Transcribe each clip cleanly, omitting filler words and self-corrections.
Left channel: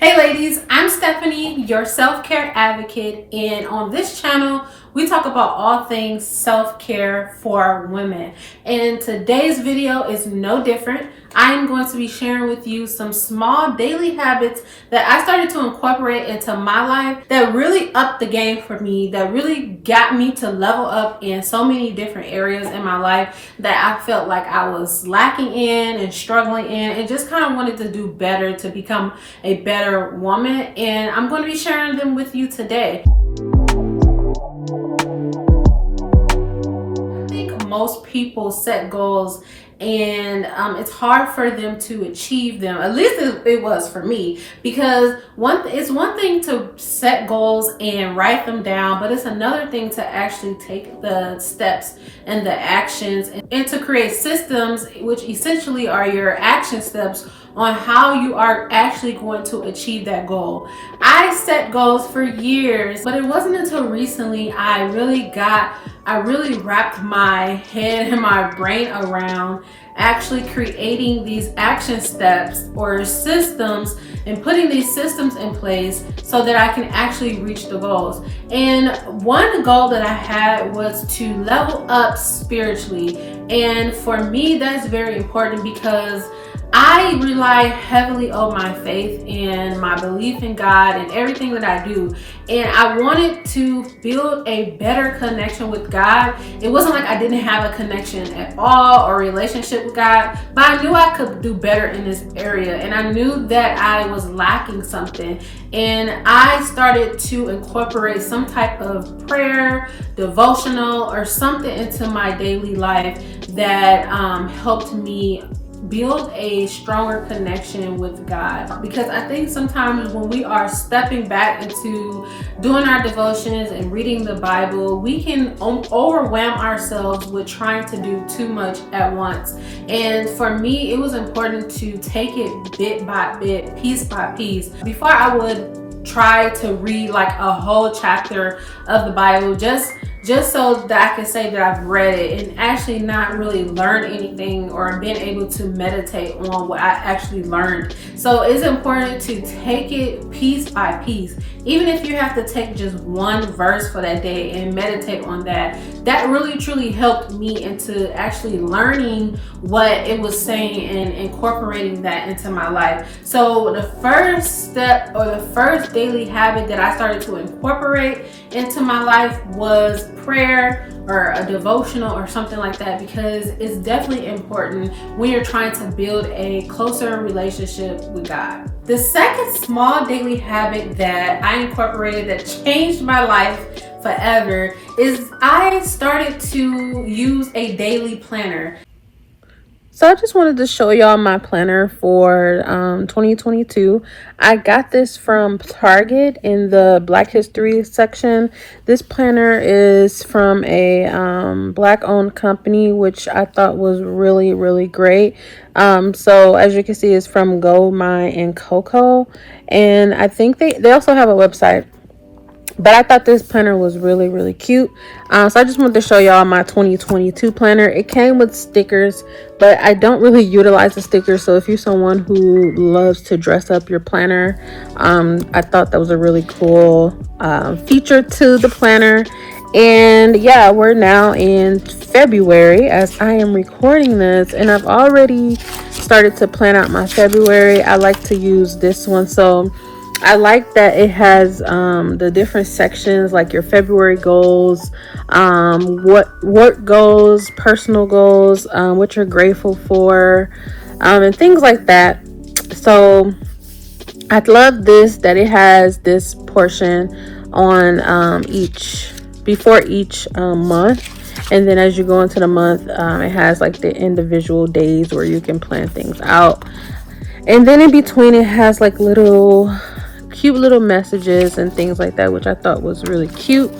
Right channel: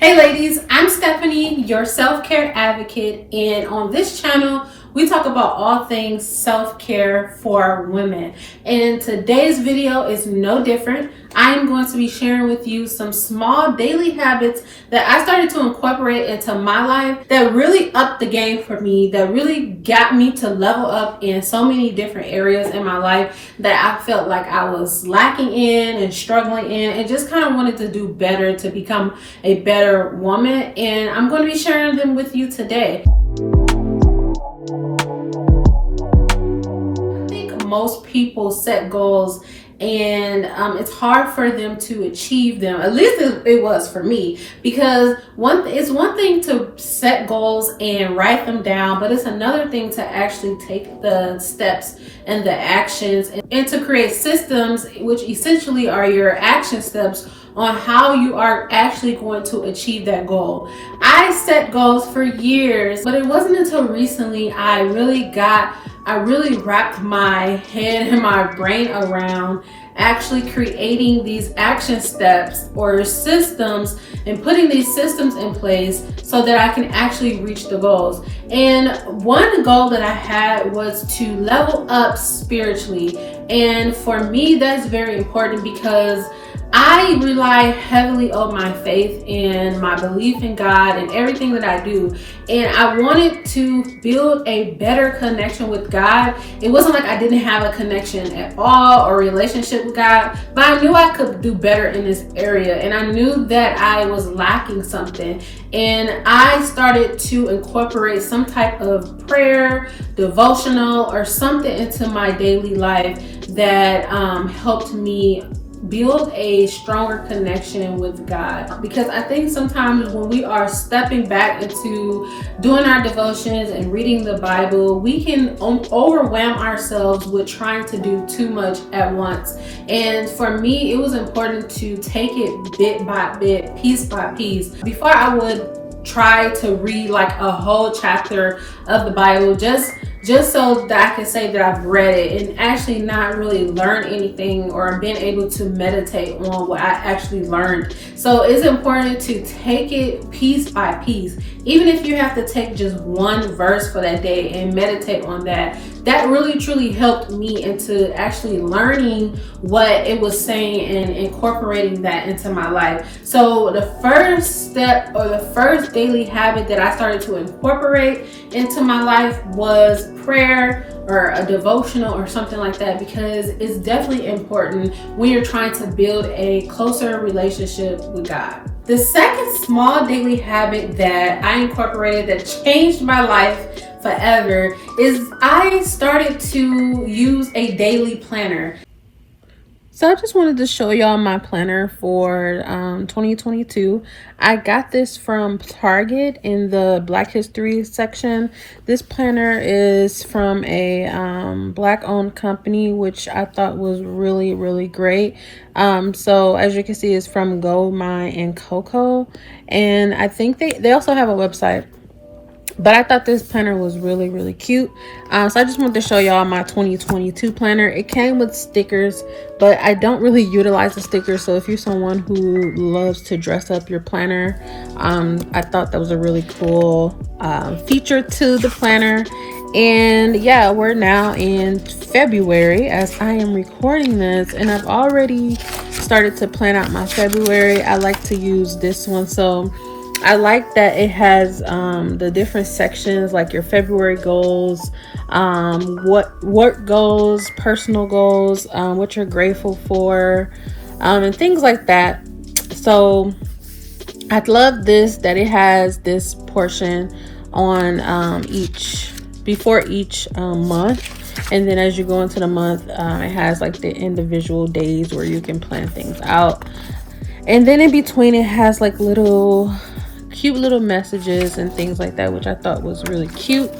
Hey ladies, I'm Stephanie, your self-care advocate, and on this channel, we talk about all things self-care for women. And today's video is no different. I am going to be sharing with you some small daily habits that I started to incorporate into my life that really upped the game for me, that really got me to level up in so many different areas in my life that I felt like I was lacking in and struggling in, and just kind of wanted to do better to become a better woman. And I'm going to be sharing them with you today. I think most people set goals and it's hard for them to achieve them. At least it was for me, because it's one thing to set goals and write them down, but it's another thing to actually take the steps and the actions and to create systems, which essentially are your action steps on how you are actually going to achieve that goal. I set goals for years, but it wasn't until recently I really wrapped my head and my brain around actually creating these action steps or systems and putting these systems in place so that I can actually reach the goals. And one goal that I had was to level up spiritually. And for me, that's very important because I rely heavily on my faith and my belief in God and everything that I do. And I wanted to build a better connection with God. It wasn't like I didn't have a connection at all or relationship with God, but I knew I could do better in this area. And I knew that I was lacking something. And I started to incorporate some type of prayer, devotional, or something into my daily life that helped me build a stronger connection with God. Because I think sometimes when we are stepping back into doing our devotions and reading the Bible, we can overwhelm ourselves with trying to do too much at once. And for me, it was important to take it bit by bit, piece by piece. Before I would try to read like a whole chapter of the Bible, just so that I can say that I've read it and actually not really learn anything or been able to meditate on what I actually learned. So it's important to take it piece by piece. Even if you have to take just one verse for that day and meditate on that, that really truly helped me into actually learning what it was saying and incorporating that into my life. So the first step or the first daily habit that I started to incorporate into my life was prayer or a devotional or something like that, because it's definitely important when you're trying to build a closer relationship with God. The second small daily habit that I incorporated that changed my life forever is I started to use a daily planner. So I just wanted to show y'all my planner for 2022. I got this from Target in the Black History section. This planner is from a Black-owned company, which I thought was really, really great. So as you can see, it's from Go, My, and Coco. And I think they also have a website. But I thought this planner was really, really cute. So I just wanted to show y'all my 2022 planner. It came with stickers, but I don't really utilize the stickers. So if you're someone who loves to dress up your planner, I thought that was a really cool feature to the planner. And yeah, we're now in February as I am recording this, and I've already started to plan out my February. I like to use this one. So I like that it has the different sections, like your February goals, what work goals, personal goals, what you're grateful for, and things like that. So I love this, that it has this portion on before each month. And then as you go into the month, it has like the individual days where you can plan things out. And then in between, it has like cute little messages and things like that, which I thought was really cute.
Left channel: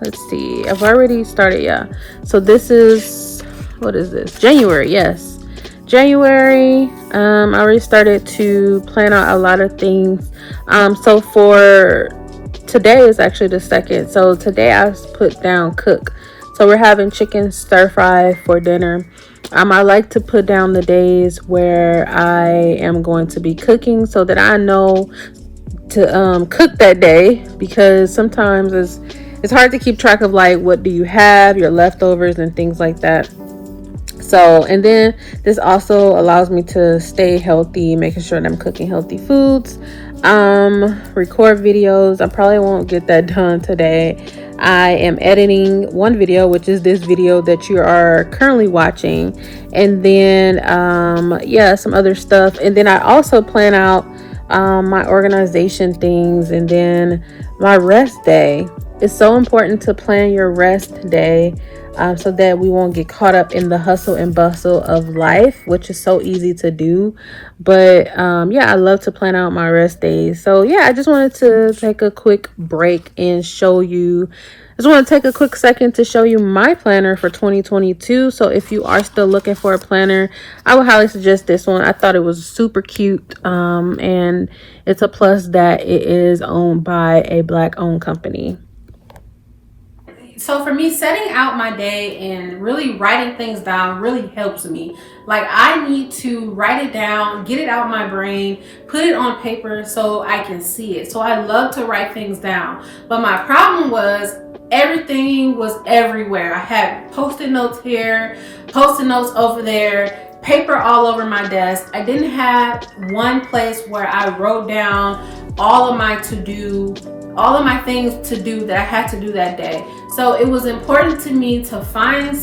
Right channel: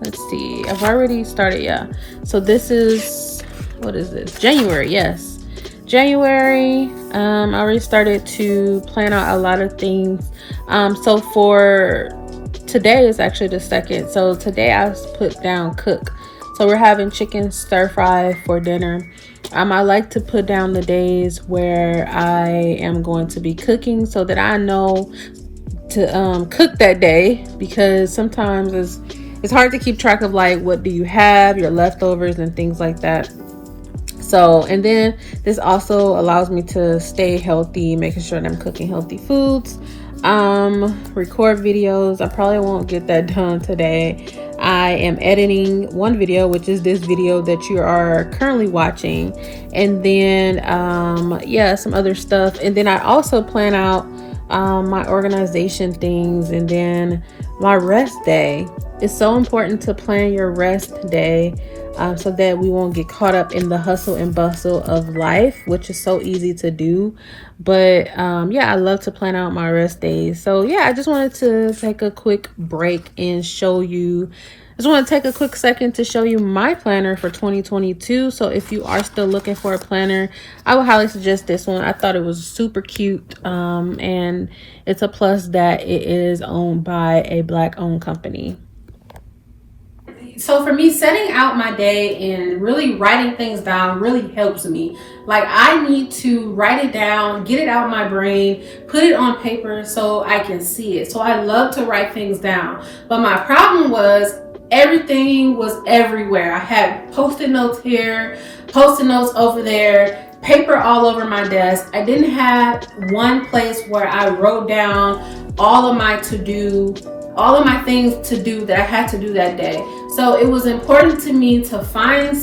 Let's see, I've already started. Yeah, so this is, what is this, January? Yes, January. I already started to plan out a lot of things. So for today is actually the second. So today I put down cook. So we're having chicken stir fry for dinner. I like to put down the days where I am going to be cooking so that I know to cook that day, because sometimes it's hard to keep track of like what do you have, your leftovers and things like that. So, and then this also allows me to stay healthy, making sure that I'm cooking healthy foods, record videos. I probably won't get that done today. I am editing one video, which is this video that you are currently watching, and then some other stuff. And then I also plan out my organization things, and then my rest day. It's so important to plan your rest day so that we won't get caught up in the hustle and bustle of life, which is so easy to do. But I love to plan out my rest days. So yeah, I just wanted to take a quick break and show you. I just want to take a quick second to show you my planner for 2022. So if you are still looking for a planner, I would highly suggest this one. I thought it was super cute, and it's a plus that it is owned by a Black-owned company. So for me, setting out my day and really writing things down really helps me. Like, I need to write it down, get it out of my brain, put it on paper so I can see it. So I love to write things down. But my problem was everything was everywhere. I had Post-it notes here, Post-it notes over there, paper all over my desk. I didn't have one place where I wrote down all of my things to do that I had to do that day. So it was important to me to find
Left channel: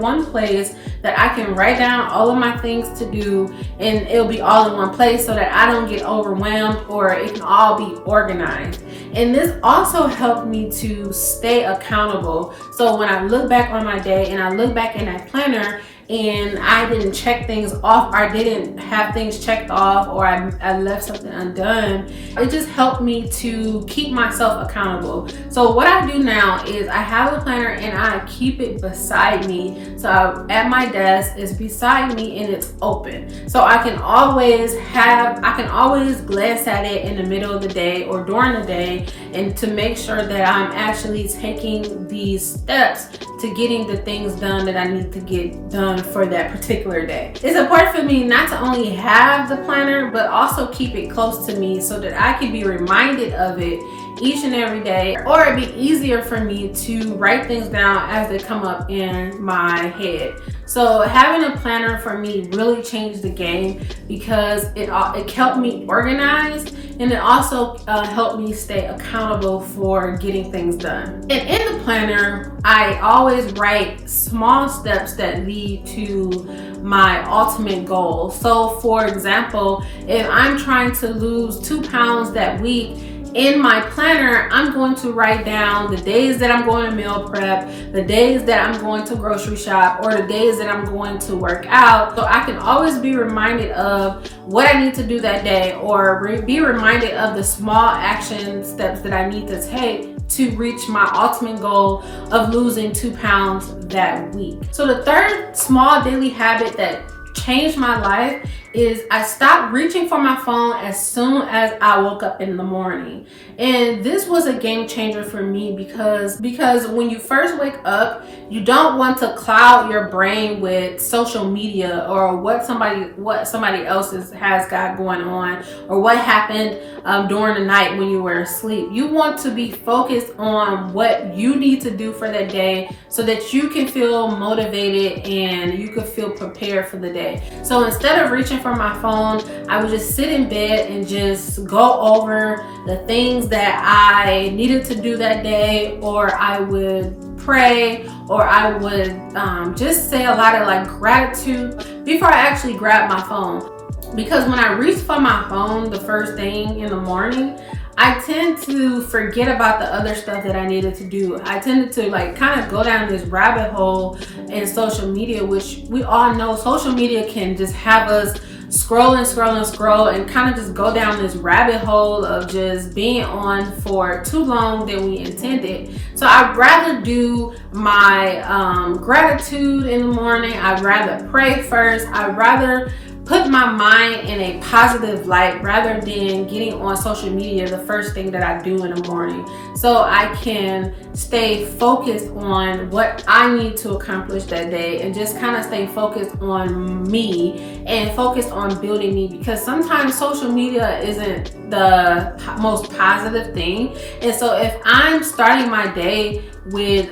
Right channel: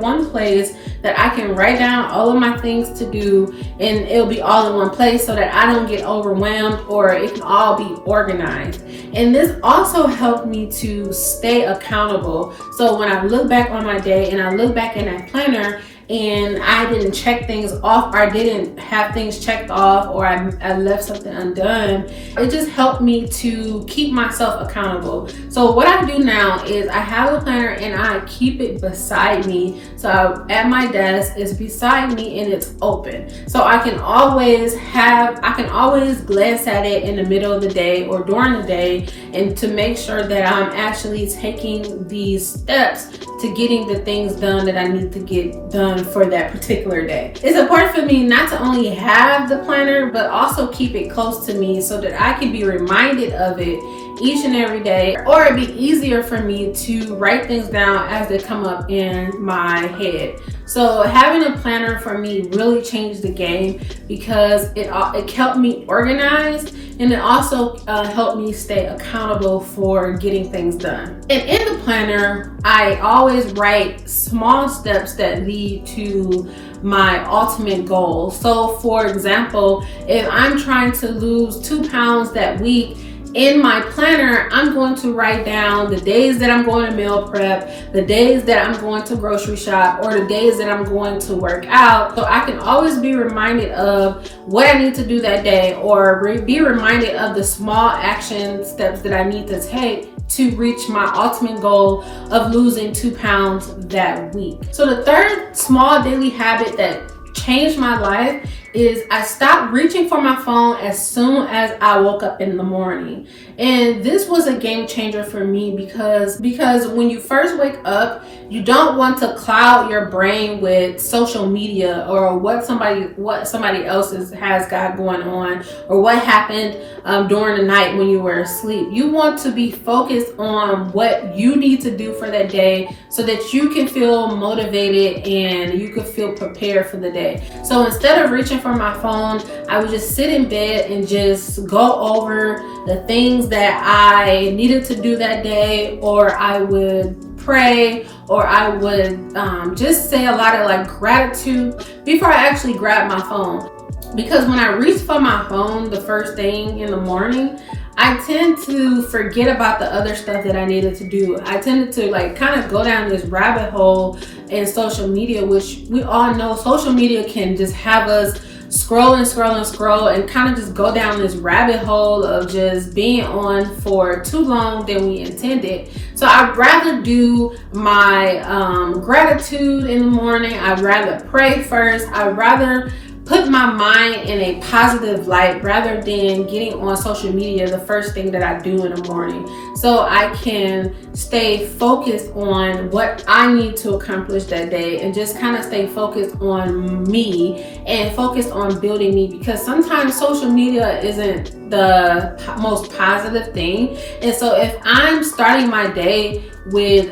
one place that I can write down all of my things to do, and it'll be all in one place so that I don't get overwhelmed, or it can all be organized. And this also helped me to stay accountable. So when I look back on my day and I look back in that planner, and I didn't check things off, or I didn't have things checked off, or I left something undone, it just helped me to keep myself accountable. So what I do now is I have a planner and I keep it beside me. So at my desk, it's beside me and it's open. So I can always glance at it in the middle of the day or during the day, and to make sure that I'm actually taking these steps to getting the things done that I need to get done for that particular day. It's important for me not to only have the planner, but also keep it close to me so that I can be reminded of it each and every day, or it'd be easier for me to write things down as they come up in my head. So having a planner for me really changed the game, because it kept me organized, and it also helped me stay accountable for getting things done. And in the planner, I always write small steps that lead to my ultimate goal. So for example, if I'm trying to lose 2 pounds that week, in my planner, I'm going to write down the days that I'm going to meal prep, the days that I'm going to grocery shop, or the days that I'm going to work out. So I can always be reminded of what I need to do that day, or be reminded of the small action steps that I need to take to reach my ultimate goal of losing 2 pounds that week. So the third small daily habit that changed my life is I stopped reaching for my phone as soon as I woke up in the morning. And this was a game changer for me, because when you first wake up, you don't want to cloud your brain with social media or what somebody else has got going on, or what happened during the night when you were asleep. You want to be focused on what you need to do for that day so that you can feel motivated and you can feel prepared for the day. So instead of reaching for my phone, I would just sit in bed and just go over the things that I needed to do that day, or I would pray, or I would just say a lot of like gratitude before I actually grab my phone. Because when I reach for my phone the first thing in the morning, I tend to forget about the other stuff that I needed to do. I tended to like kind of go down this rabbit hole in social media, which we all know social media can just have us scroll and kind of just go down this rabbit hole of just being on for too long than we intended. So I'd rather do my gratitude in the morning. I'd rather pray first. I'd rather put my mind in a positive light rather than getting on social media the first thing that I do in the morning, so I can stay focused on what I need to accomplish that day and just kind of stay focused on me and focus on building me, because sometimes social media isn't the most positive thing. And so if I'm starting my day with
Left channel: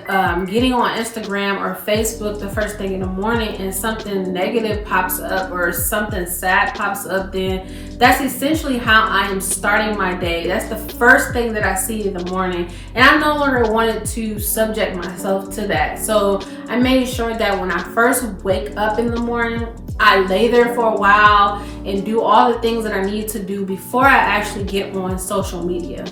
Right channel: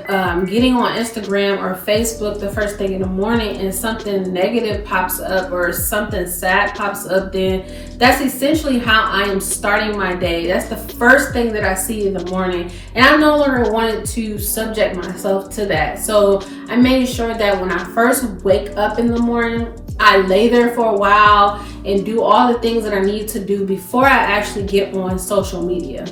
getting on Instagram or Facebook the first thing in the morning and something negative pops up or something sad pops up, then that's essentially how I am starting my day. That's the first thing that I see in the morning, and I no longer wanted to subject myself to that. So I made sure that when I first wake up in the morning, I lay there for a while and do all the things that I need to do before I actually get on social media.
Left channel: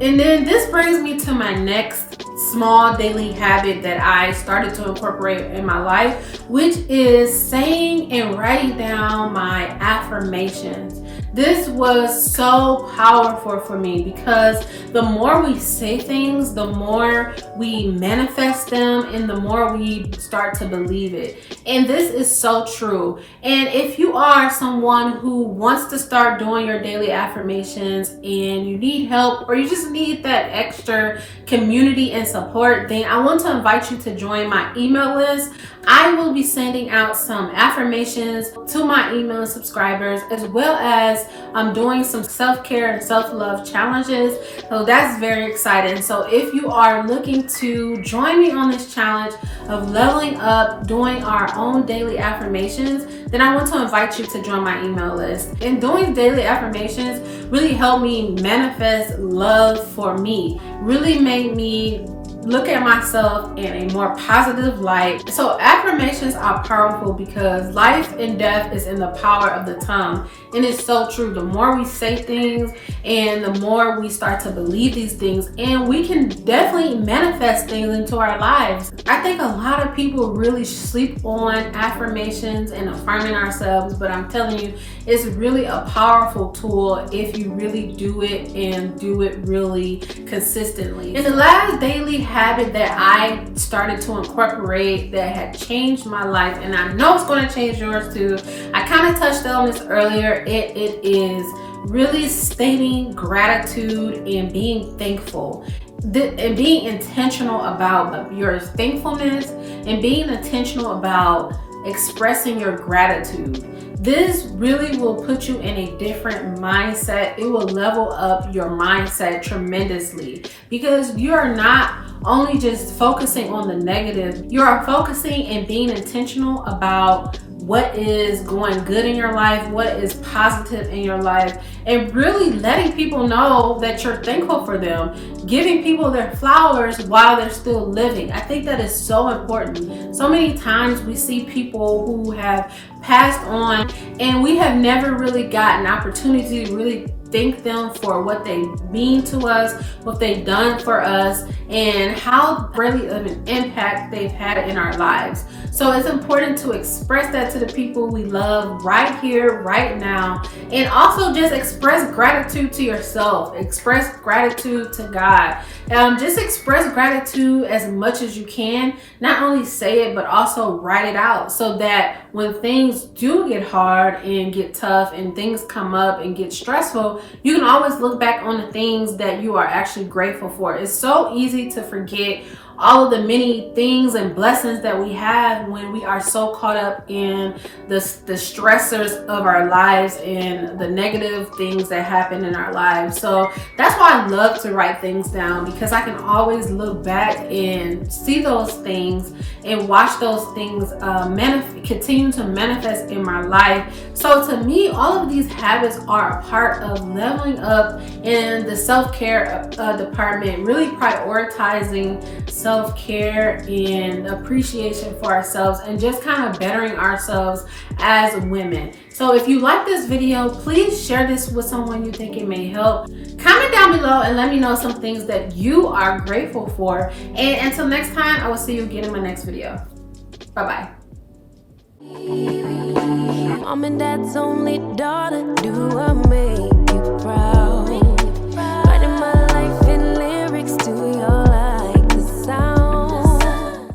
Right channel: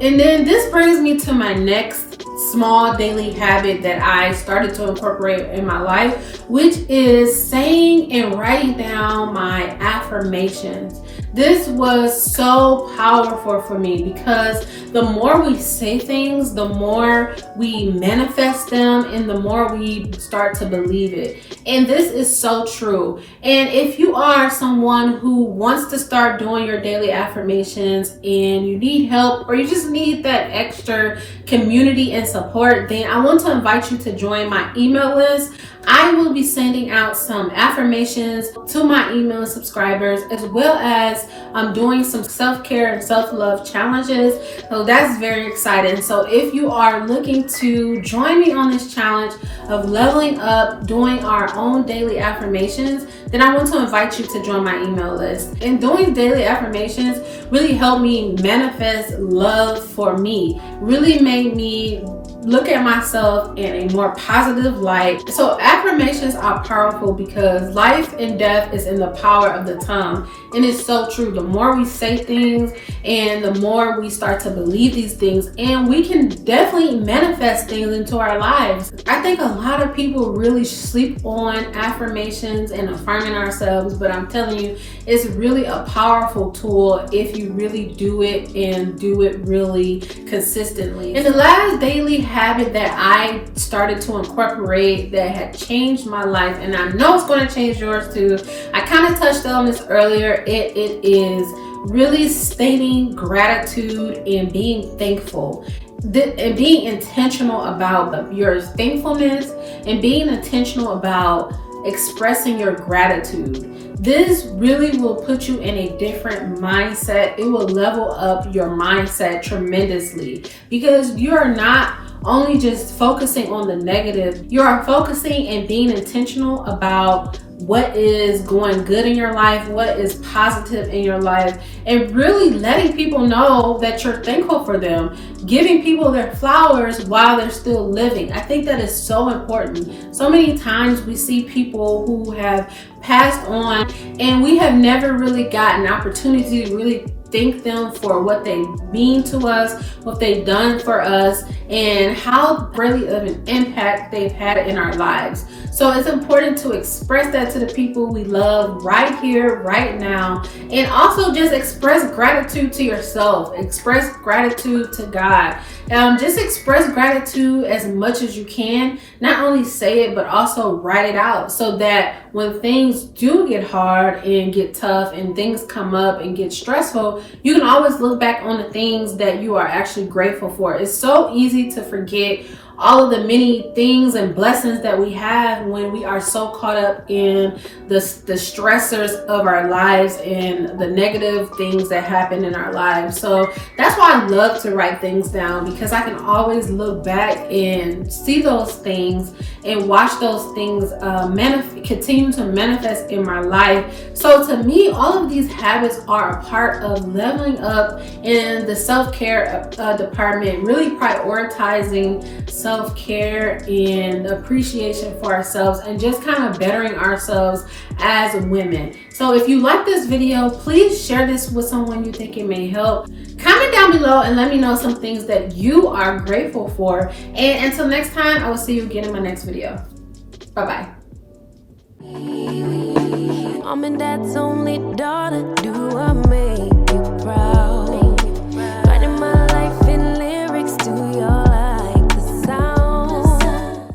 And then this brings me to my next small daily habit that I started to incorporate in my life, which is saying and writing down my affirmations. This was so powerful for me because the more we say things, the more we manifest them and the more we start to believe it. And this is so true. And if you are someone who wants to start doing your daily affirmations and you need help or you just need that extra community and support, then I want to invite you to join my email list. I will be sending out some affirmations to my email subscribers, as well as I'm doing some self-care and self-love challenges. So that's very exciting. So if you are looking to join me on this challenge of leveling up, doing our own daily affirmations, then I want to invite you to join my email list. And doing daily affirmations really helped me manifest love for me, really made me look at myself in a more positive light. So affirmations are powerful because life and death is in the power of the tongue. And it's so true. The more we say things and the more we start to believe these things, and we can definitely manifest things into our lives. I think a lot of people really sleep on affirmations and affirming ourselves, but I'm telling you, it's really a powerful tool if you really do it and do it really consistently. And the last daily habit that I started to incorporate that had changed my life, and I know it's going to change yours too. I kind of touched on this earlier. It is really stating gratitude and being thankful. And being intentional about your thankfulness and being intentional about expressing your gratitude. This really will put you in a different mindset. It will level up your mindset tremendously because you are not only just focusing on the negative, you are focusing and being intentional about what is going good in your life, what is positive in your life, and really letting people know that you're thankful for them, giving people their flowers while they're still living. I think that is so important. So many times we see people who have passed on and we have never really gotten an opportunity to really thank them for what they mean to us, what they've done for us, and how greatly of an impact they've had in our lives. So it's important to express that to the people we love right here, right now, and also just express gratitude to yourself. Express gratitude to God. Just express gratitude as much as you can. Not only say it, but also write it out so that when things do get hard and get tough and things come up and get stressful, you can always look back on the things that you are actually grateful for. It's so easy to forget all of the many things and blessings that we have when we are so caught up in the stressors of our lives and the negative things that happen in our lives. So that's why I love to write things down, because I can always look back and see those things and watch those things continue to manifest in my life. So to me, all of these habits are a part of leveling up in the self-care department, really prioritizing self-care and appreciation for ourselves and just kind of bettering ourselves as women. So if you like this video, please share this with someone you think it may help. Comment down below and let me know some things that you are grateful for. And until next time, I will see you again in my next video. Bye-bye. Mom and dad's only daughter, do I make you proud?